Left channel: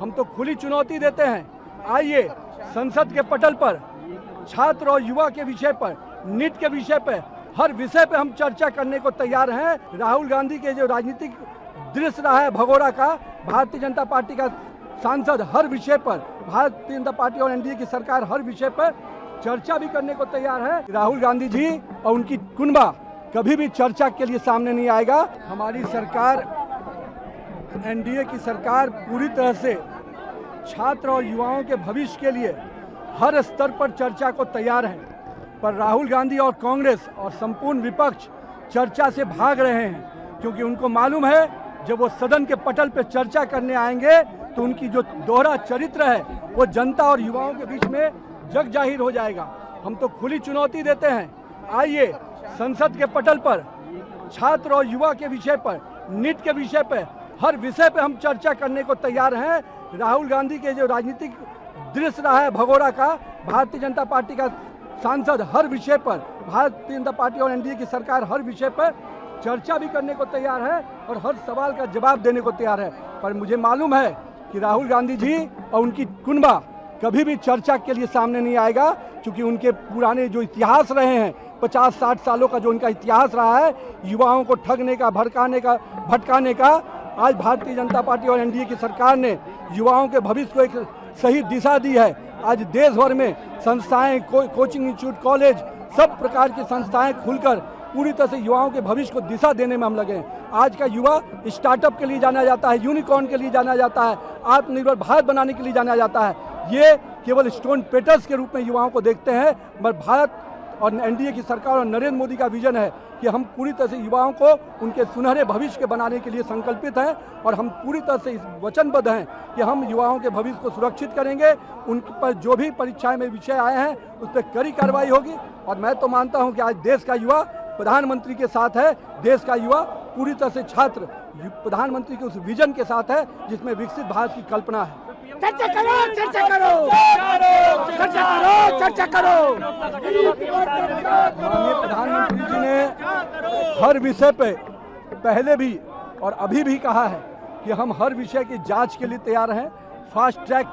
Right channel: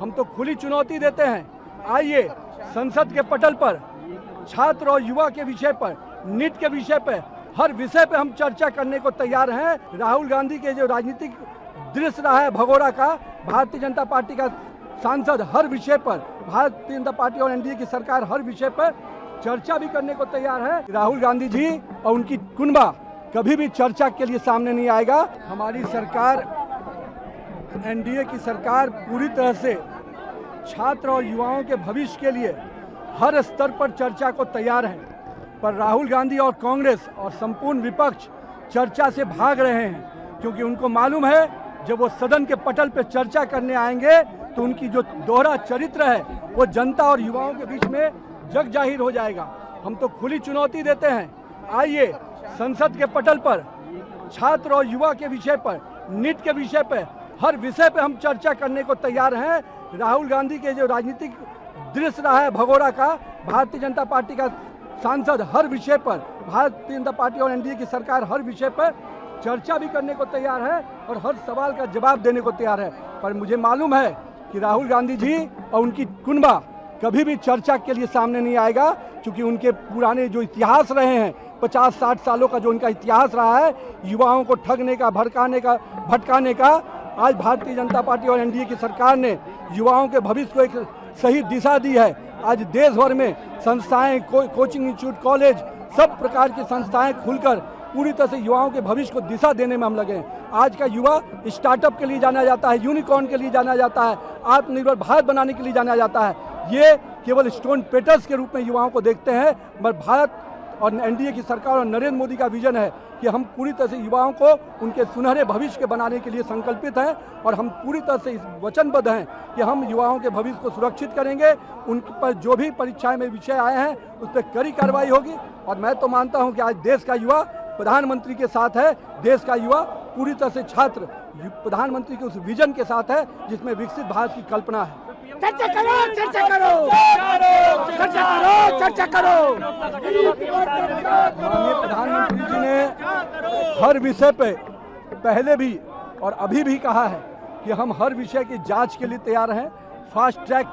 हम तो खुली चुनौती देते हैं, आइए संसद के पटल पर छात्र और युवा के विषय पर, नीट के विषय पर, हर विषय पे हम चर्चा करने को तैयार हैं। राहुल गांधी के जो राजनीतिक दृश्य रहा है भगोड़ा का, भारतीय जनता पार्टी का सांसद हर विषय पर, भारतीय जनता पार्टी और एनडीए की सरकार हर विषय पर चर्चा भी करने को तैयार है। राहुल गांधी जी और उनकी कुनबा कभी भी चर्चा के लिए सामने नहीं आएगा। हमारी सरकार, एनडीए की सरकार पूरी तरह से छात्र और युवाओं के भविष्य के लिए हर स्तर पर चर्चा को तैयार है, पर राहुल गांधी और कांग्रेस और संपूर्ण विपक्ष चर्चा से भाग रहे हैं, क्योंकि उनको मालूम है जब वो सदन के पटल पर चर्चा करने आएंगे तो उनकी जो दोहरा चरित्र है वो जनता और युवाओं के बीच में जग जाहिर हो जाएगा। हम तो खुली चुनौती देते हैं, आइए संसद के पटल पर छात्र और युवा के विषय पर, नीट के विषय पर, हर विषय पे हम चर्चा करने को तैयार हैं। राहुल गांधी के जो राजनीतिक दृश्य रहा है भगोड़ा का, भारतीय जनता पार्टी का सांसद हर विषय पर, भारतीय जनता पार्टी और एनडीए की सरकार हर विषय पर चर्चा भी करने को तैयार है और हर सवाल का जवाब देने को तैयार है, पर मुझे मालूम है कि राहुल गांधी जी और उनकी कुनबा कभी भी चर्चा के लिए सामने नहीं आएगा, क्योंकि उनके पुराने जो इतिहास रहे हैं 50-60 सालों का जो उनका इतिहास रहा है युवाओं को ठगने का, भटकाने का, आज भारतीय जनता पार्टी और एनडीए की सरकार ने युवाओं के भविष्य को एक सही दिशा दी है। आज देश भर में संस्थाएं, कोचिंग इंस्टीट्यूट, कॉलेज, सब प्रकार की संस्थाएं खुलकर पूरी तरह से युवाओं के भविष्य को दिशा देने में हम लगे हैं। आज का युवा स्टार्टअप के लिए जाना जाता है, यूनिकॉर्न के लिए जाना जाता है, आत्मनिर्भर भारत बनाने के लिए जाना जाता है। ये केवल स्टोन पेटर्स के रूप में युवाओं को देखते हैं, मगर भारत और एनडीए की सरकार और नरेंद्र मोदी का विजन है कि हम पूरी तरह से युवाओं को उनके सुनहरे भविष्य के बनाने के लिए संकल्पित हैं और हम पूरी तरह से वचनबद्ध हैं कि हम युवाओं के भविष्य को सुरक्षित करेंगे। उन पर जो भी परीक्षाएं में विषय आए हैं उस पर कड़ी कार्रवाई होगी और मैं तो मानता हूं कि आज देश का युवा प्रधानमंत्री के साथ है। देश का युवा पूरी तरह से छात्र प्रधानमंत्री के उस विजन के साथ है जिसमें विकसित भारत की कल्पना है। चर्चा करो, चर्चा करो, चर्चा करो, चर्चा करो। माननीय प्रधानमंत्री जी ने हर विषय पे पहले भी और अभी भी कहा है कि हम हर विषय की जांच के लिए तैयार हैं। फास्ट ट्रैक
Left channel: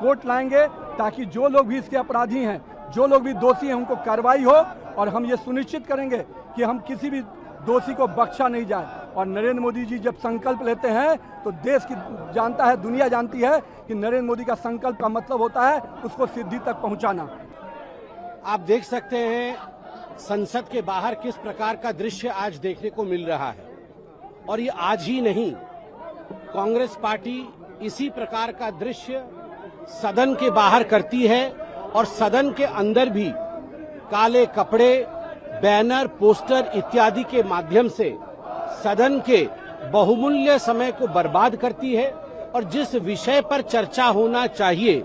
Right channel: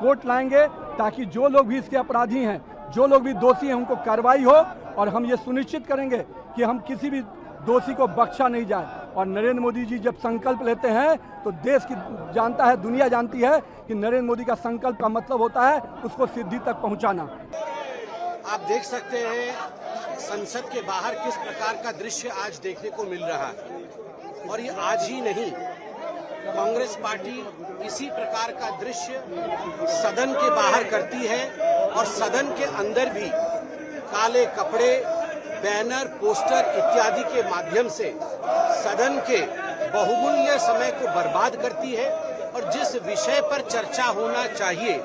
कोर्ट लाएंगे ताकि जो लोग भी इसके अपराधी हैं, जो लोग भी दोषी हैं, उनको कार्रवाई हो और हम ये सुनिश्चित करेंगे कि हम किसी भी दोषी को बख्शा नहीं जाए। और नरेंद्र मोदी जी जब संकल्प लेते हैं तो देश की जानता है, दुनिया जानती है कि नरेंद्र मोदी का संकल्प का मतलब होता है उसको सिद्धि तक पहुंचाना। आप देख सकते हैं संसद के बाहर किस प्रकार का दृश्य आज देखने को मिल रहा है, और ये आज ही नहीं, कांग्रेस पार्टी इसी प्रकार का दृश्य सदन के बाहर करती है और सदन के अंदर भी काले कपड़े, बैनर, पोस्टर इत्यादि के माध्यम से सदन के बहुमूल्य समय को बर्बाद करती है और जिस विषय पर चर्चा होना चाहिए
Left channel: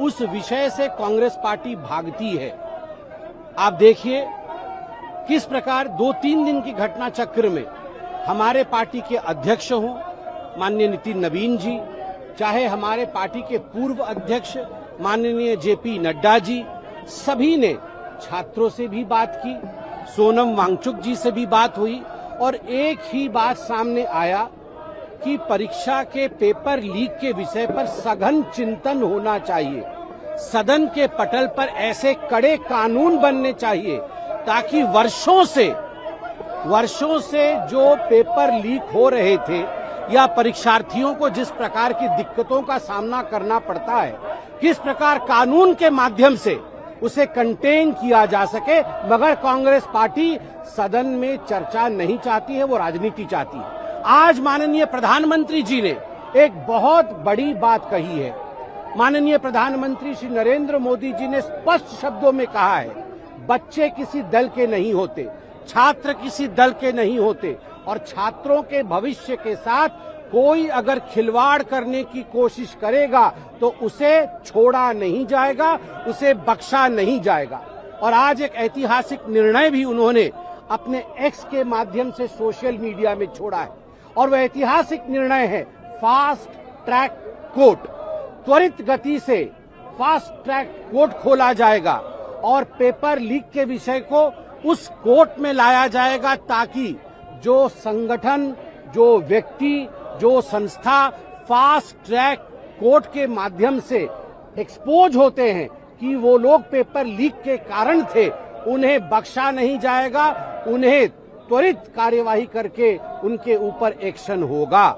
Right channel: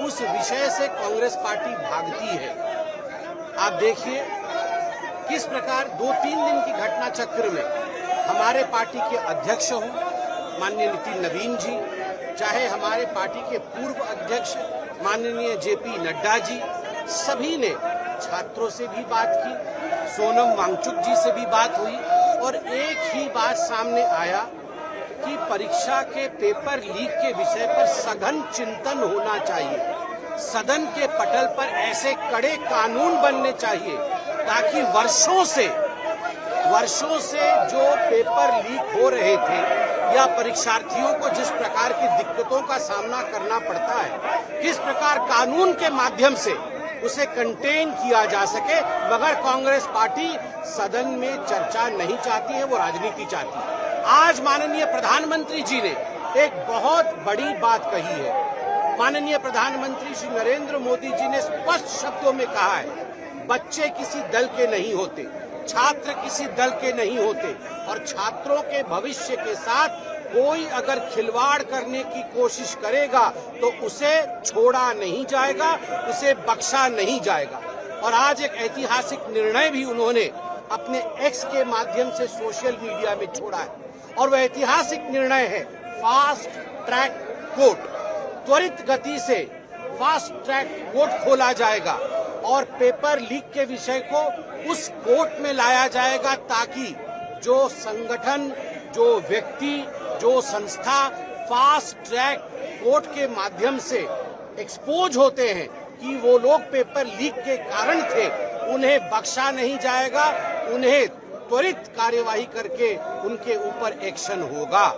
उस विषय से कांग्रेस पार्टी भागती है। आप देखिए किस प्रकार 2-3 दिन की घटना चक्र में हमारे पार्टी के अध्यक्ष हों माननीय नितिन नवीन जी, चाहे हमारे पार्टी के पूर्व अध्यक्ष माननीय जेपी नड्डा जी, सभी ने छात्रों से भी बात की, सोनम वांगचुक जी से भी बात हुई और एक ही बात सामने आया कि परीक्षा के पेपर लीक के विषय पर सघन चिंतन होना चाहिए। सदन के पटल पर ऐसे कड़े कानून बनने चाहिए ताकि वर्षों से जो पेपर लीक हो रहे थे या परीक्षार्थियों को जिस प्रकार की दिक्कतों का सामना करना पड़ता है, किस प्रकार कानून के माध्यम से उसे कंटेन किया जा सके, मगर कांग्रेस पार्टी सदन में चर्चा नहीं चाहती है, वो राजनीति चाहती है। आज माननीय प्रधानमंत्री जी ने एक बहुत बड़ी बात कही है। माननीय प्रधानमंत्री श्री नरेंद्र मोदी जी ने स्पष्ट शब्दों में कहा है, बच्चे किसी दल के नहीं होते, छात्र किसी दल के नहीं होते और छात्रों के भविष्य के साथ कोई अगर खिलवाड़ करने की कोशिश करेगा तो उसे छोड़ा नहीं जाएगा, उसे बख्शा नहीं जाएगा। और आज एक ऐतिहासिक निर्णय भी उन्होंने अपने एक्स के माध्यम से सोशल मीडिया में छोड़ा है और वह ऐतिहासिक निर्णय है फास्ट ट्रैक कोर्ट। त्वरित गति से फास्ट ट्रैक कोर्ट खोला जाएगा और पेपर लीक के विषय को उस कोर्ट में लाया जाएगा ताकि जो संगठन, जो व्यक्ति, जो संस्था फास्ट ट्रैक कोर्ट के माध्यम से एक्सपोज होते हैं कि वो लोग पेपर लीक के कारण थे, उन्हें बख्शा नहीं जाएगा, उन्हें त्वरित कार्यवाही करके उनके ऊपर एक्शन होगा।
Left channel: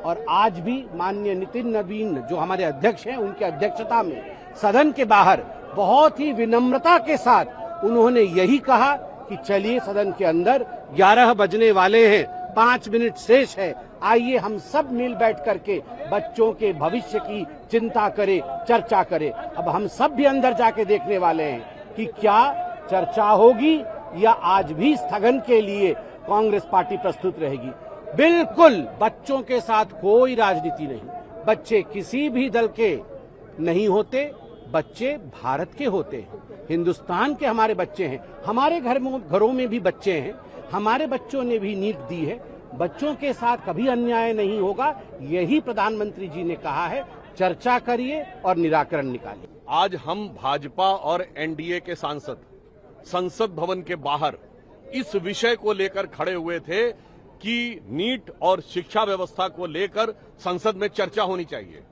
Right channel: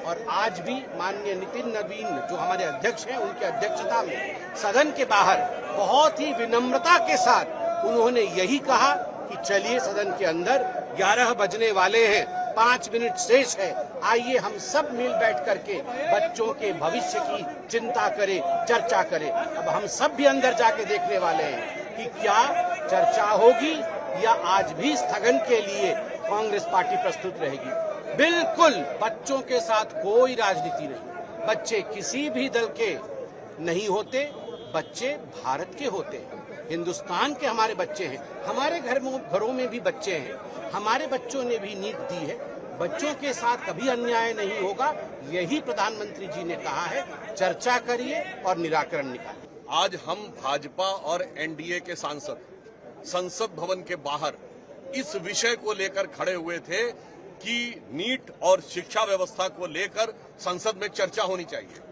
और आज भी माननीय नितिन नवीन जो हमारे अध्यक्ष हैं, उनकी अध्यक्षता में सदन के बाहर बहुत ही विनम्रता के साथ उन्होंने यही कहा कि चलिए सदन के अंदर 11 बजने वाले हैं, 5 मिनट शेष है, आइए हम सब मिल बैठ करके बच्चों के भविष्य की चिंता करें, चर्चा करें। अब हम सब भी अंदर जाके देखने वाले हैं कि क्या चर्चा होगी या आज भी स्थगन के लिए कांग्रेस पार्टी प्रस्तुत रहेगी। बिल्कुल बच्चों के साथ कोई राजनीति नहीं, बच्चे किसी भी दल के नहीं होते, बच्चे भारत के होते हैं, हिंदुस्तान के हमारे बच्चे हैं। हमारे घरों में भी बच्चे हैं, हमारे बच्चों ने भी नीट दी है, बच्चों के साथ कभी अन्याय नहीं होगा, यही प्रधानमंत्री जी ने कहा है। चर्चा करिए और निराकरण निकालिए। आज हम भाजपा और एनडीए के सांसद संसद भवन के बाहर इस विषय को लेकर खड़े हुए थे कि नीट और शिक्षा व्यवस्था को लेकर संसद में चर्चा होनी चाहिए,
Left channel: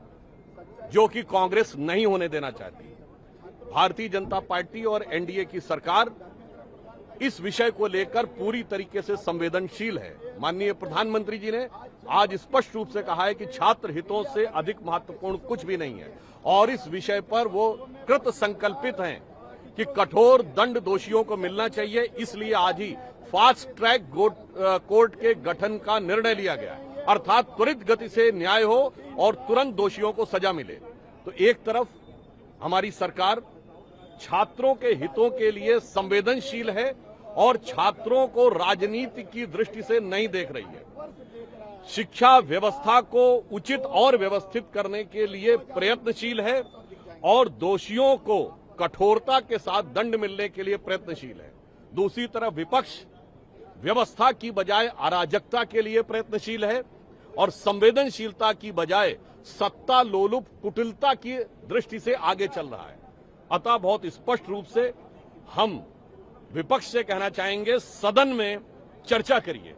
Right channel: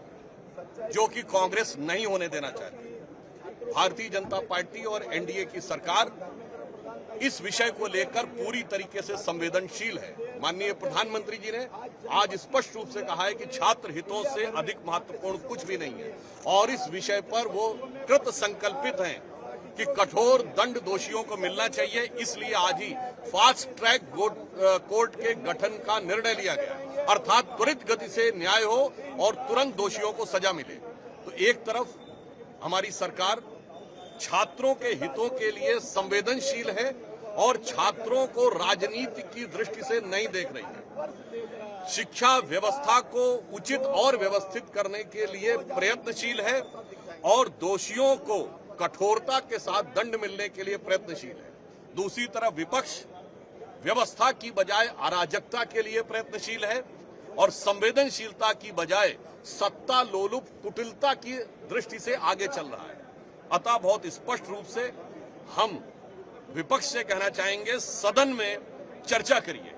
जो कि कांग्रेस नहीं होने देना चाहती। भारतीय जनता पार्टी और एनडीए की सरकार इस विषय को लेकर पूरी तरीके से संवेदनशील है। माननीय प्रधानमंत्री जी ने आज स्पष्ट रूप से कहा है कि छात्र हितों से अधिक महत्वपूर्ण कुछ भी नहीं है और इस विषय पर वो कृत संकल्पित हैं कि कठोर दंड दोषियों को मिलना चाहिए। इसलिए आज ही फास्ट ट्रैक कोर्ट के गठन का निर्णय लिया गया, अर्थात त्वरित गति से न्याय हो और तुरंत दोषियों को सजा मिले। तो एक तरफ हमारी सरकार छात्रों के हितों के लिए संवेदनशील है और छात्रों को राजनीति की दृष्टि से नहीं देख रही है। शिक्षा व्यवस्था को उचित और व्यवस्थित करने के लिए प्रयत्नशील है और दोषियों को कठोरता के साथ दंड मिलने के लिए प्रयत्नशील है। दूसरी तरफ विपक्ष व्यवस्था की बजाय अराजकता के लिए प्रयत्नशील है और संवेदनशीलता की बजाय सत्ता लोलुप कुटिलता की दृष्टि से आगे चल रहा है। अतः बहुत स्पष्ट रूप से हम विपक्ष से कहना चाहेंगे, सदन में चर्चा करिए।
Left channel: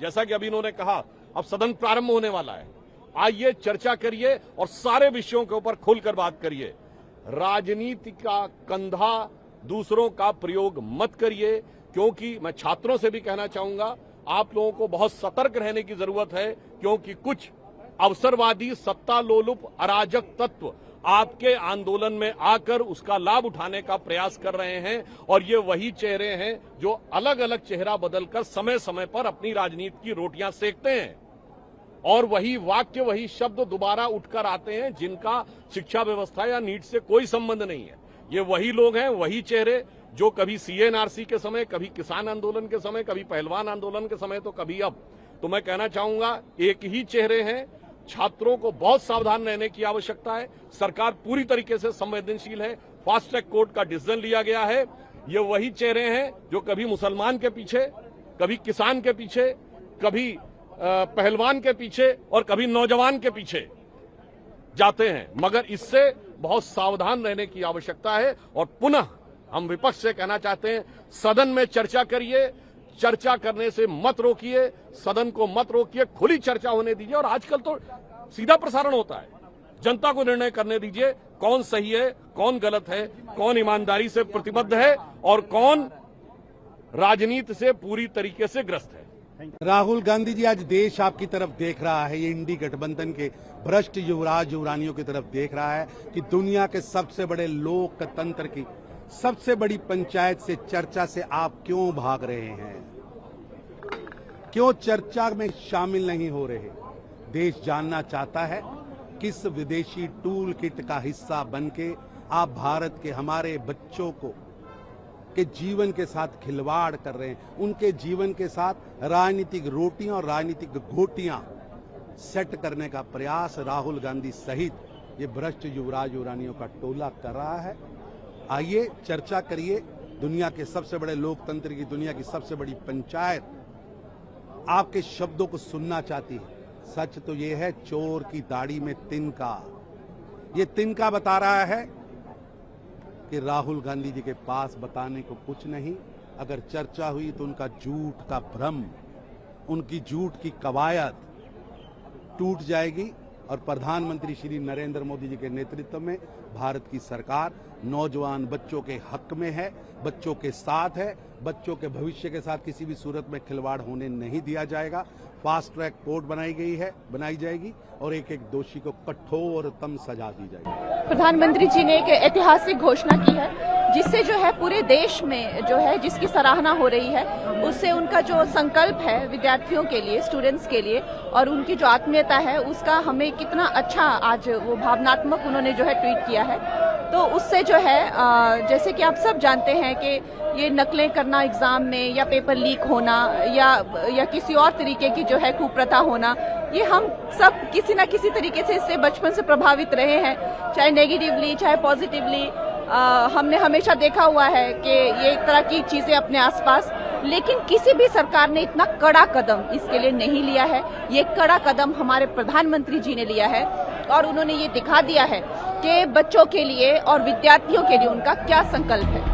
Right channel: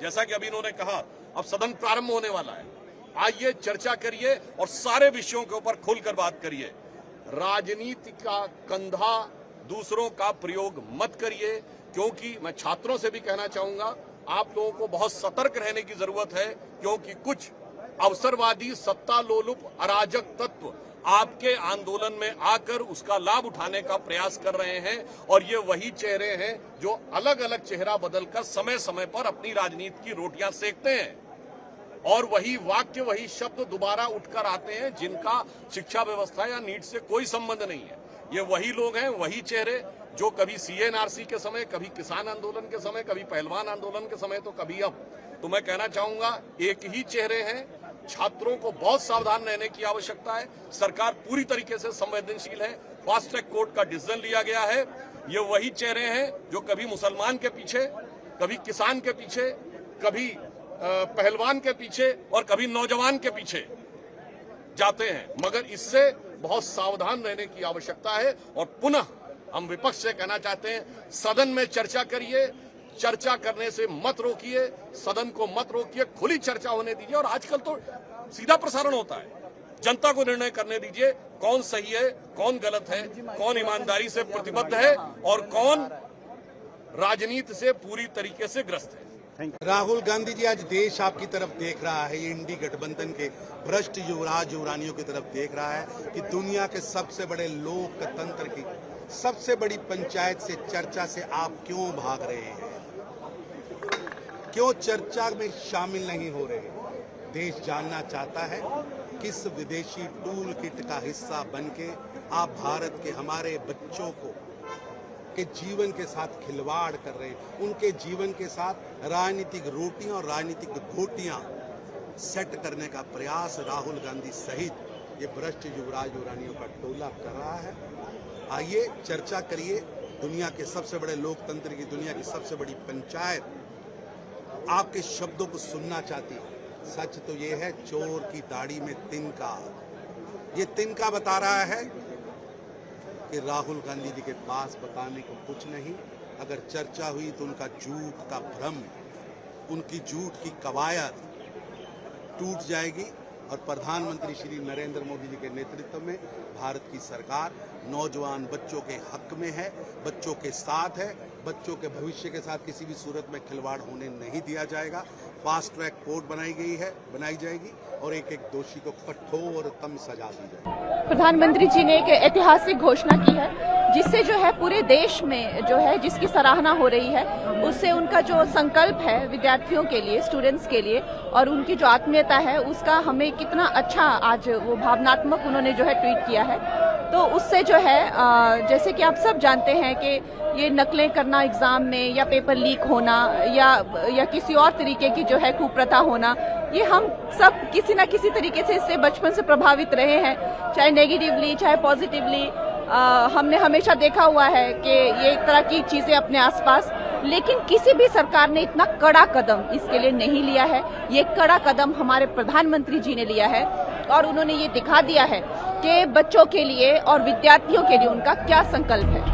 जैसा कि अभी इन्होंने कहा, अब सदन प्रारंभ होने वाला है, आइए चर्चा करिए और सारे विषयों के ऊपर खुलकर बात करिए। राजनीति का कंधा दूसरों का प्रयोग मत करिए, क्योंकि मैं छात्रों से भी कहना चाहूंगा, आप लोगों को बहुत सतर्क रहने की जरूरत है, क्योंकि कुछ अवसरवादी सत्ता लोलुप अराजक तत्व आपके आंदोलन में आकर उसका लाभ उठाने का प्रयास कर रहे हैं और ये वही चेहरे हैं जो अलग अलग चेहरा बदलकर समय समय पर अपनी राजनीति की रोटियां सेकते हैं और वही वाक्य, वही शब्द दोबारा उठकर आते हैं जिनका शिक्षा व्यवस्था या नीट से कोई संबंध नहीं है। ये वही लोग हैं, वही चेहरे जो कभी सीएनआरसी के समय, कभी किसान आंदोलन के समय, कभी पहलवान आंदोलन के समय, तो कभी अब। तो मैं कहना चाहूंगा, एक ही चेहरे हैं। छात्रों को बहुत सावधान रहने की आवश्यकता है। सरकार पूरी तरीके से संवेदनशील है। फास्ट ट्रैक कोर्ट का डिसीजन लिया गया है। ये वही चेहरे हैं जो कभी मुसलमान के पीछे, कभी किसान के पीछे, कभी पहलवान के पीछे और कभी नौजवान के पीछे जाते हैं। मगर इससे बहुत सावधान रहने की आवश्यकता है। और पुनः हम विपक्ष से कहना चाहते हैं, सदन में चर्चा करिए, चर्चा करने से मत रोकिए, सदन को मत रोकिए, खुली चर्चा होने दीजिए। और आजकल तो सीधा प्रसारण होता है, जनता को निर्णय करने दीजिए कौन सही है, कौन गलत है, कौन ईमानदारी से प्रतिबद्ध है और कौन राजनीति से पूरी तरीके से ग्रस्त है। राहुल गांधी जी, आज देश आपकी तरफ देख रहा है, ये इंडी गठबंधन के भ्रष्ट युवराज युवरानियों की तरफ देख रहा है कि दुनिया के सबसे बड़े लोकतंत्र की सबसे बड़ी पंचायत से, चर्चा से आप क्यों भाग रहे हैं, क्यों चर्चा में शामिल नहीं हो रहे। देश जानना चाहता है किस विदेशी टूल किट का हिस्सा बनके आप भारत के हमारे बच्चों को के जीवन के साथ खिलवाड़ कर रहे हैं, उनके जीवन के साथ राजनीतिक रोटियां और राजनीतिक घोटियां सेट करने का प्रयास राहुल गांधी सहित ये भ्रष्ट युवराज युवरानियों का टोला कर रहा है। आइए चर्चा करिए। दुनिया के सबसे बड़े लोकतंत्र की, दुनिया की सबसे बड़ी पंचायत आपके शब्दों को सुनना चाहती है। सच तो ये है, चोर की दाढ़ी में तिनका। ये तिनका बता रहा है कि राहुल गांधी जी के पास बताने को कुछ नहीं। अगर चर्चा हुई तो उनका झूठ का भ्रम, उनकी झूठ की कवायद टूट जाएगी और प्रधानमंत्री श्री नरेंद्र मोदी जी के नेतृत्व में भारत की सरकार नौजवान बच्चों के हक में है, बच्चों के साथ है, बच्चों के भविष्य के साथ किसी भी सूरत में खिलवाड़ होने नहीं दिया जाएगा। फास्ट ट्रैक कोर्ट बनाई जाएगी और एक एक दोषी को कठोरतम सजा दी जाएगी। प्रधानमंत्री जी ने एक ऐतिहासिक घोषणा की है, जिससे जो है पूरे देश में जो है जिसकी सराहना हो रही है, उससे उनका जो संकल्प है विद्यार्थियों के लिए, स्टूडेंट्स के लिए, और उनकी जो आत्मीयता है उसका हमें कितना अच्छा आज वो भावनात्मक उन्होंने जो है ट्वीट किया है। तो उससे जो है जैसे कि आप सब जानते हैं कि ये नकलें करना एग्जाम में या पेपर लीक होना या किसी और तरीके की जो है कुप्रथा होना, ये हम सब किसी ना किसी तरीके से इससे बचपन से प्रभावित रहे हैं, चाहे नेगेटिवली चाहे पॉजिटिवली। हमने हमेशा देखा हुआ है कि ये एक तरह की चीजें अपने आसपास, लेकिन किसी भी सरकार ने इतना कड़ा कदम इसके लिए नहीं लिया है। ये कड़ा कदम हमारे प्रधानमंत्री जी ने लिया है और उन्होंने ये दिखा दिया है कि बच्चों के लिए और विद्यार्थियों के लिए उनका क्या संकल्प है।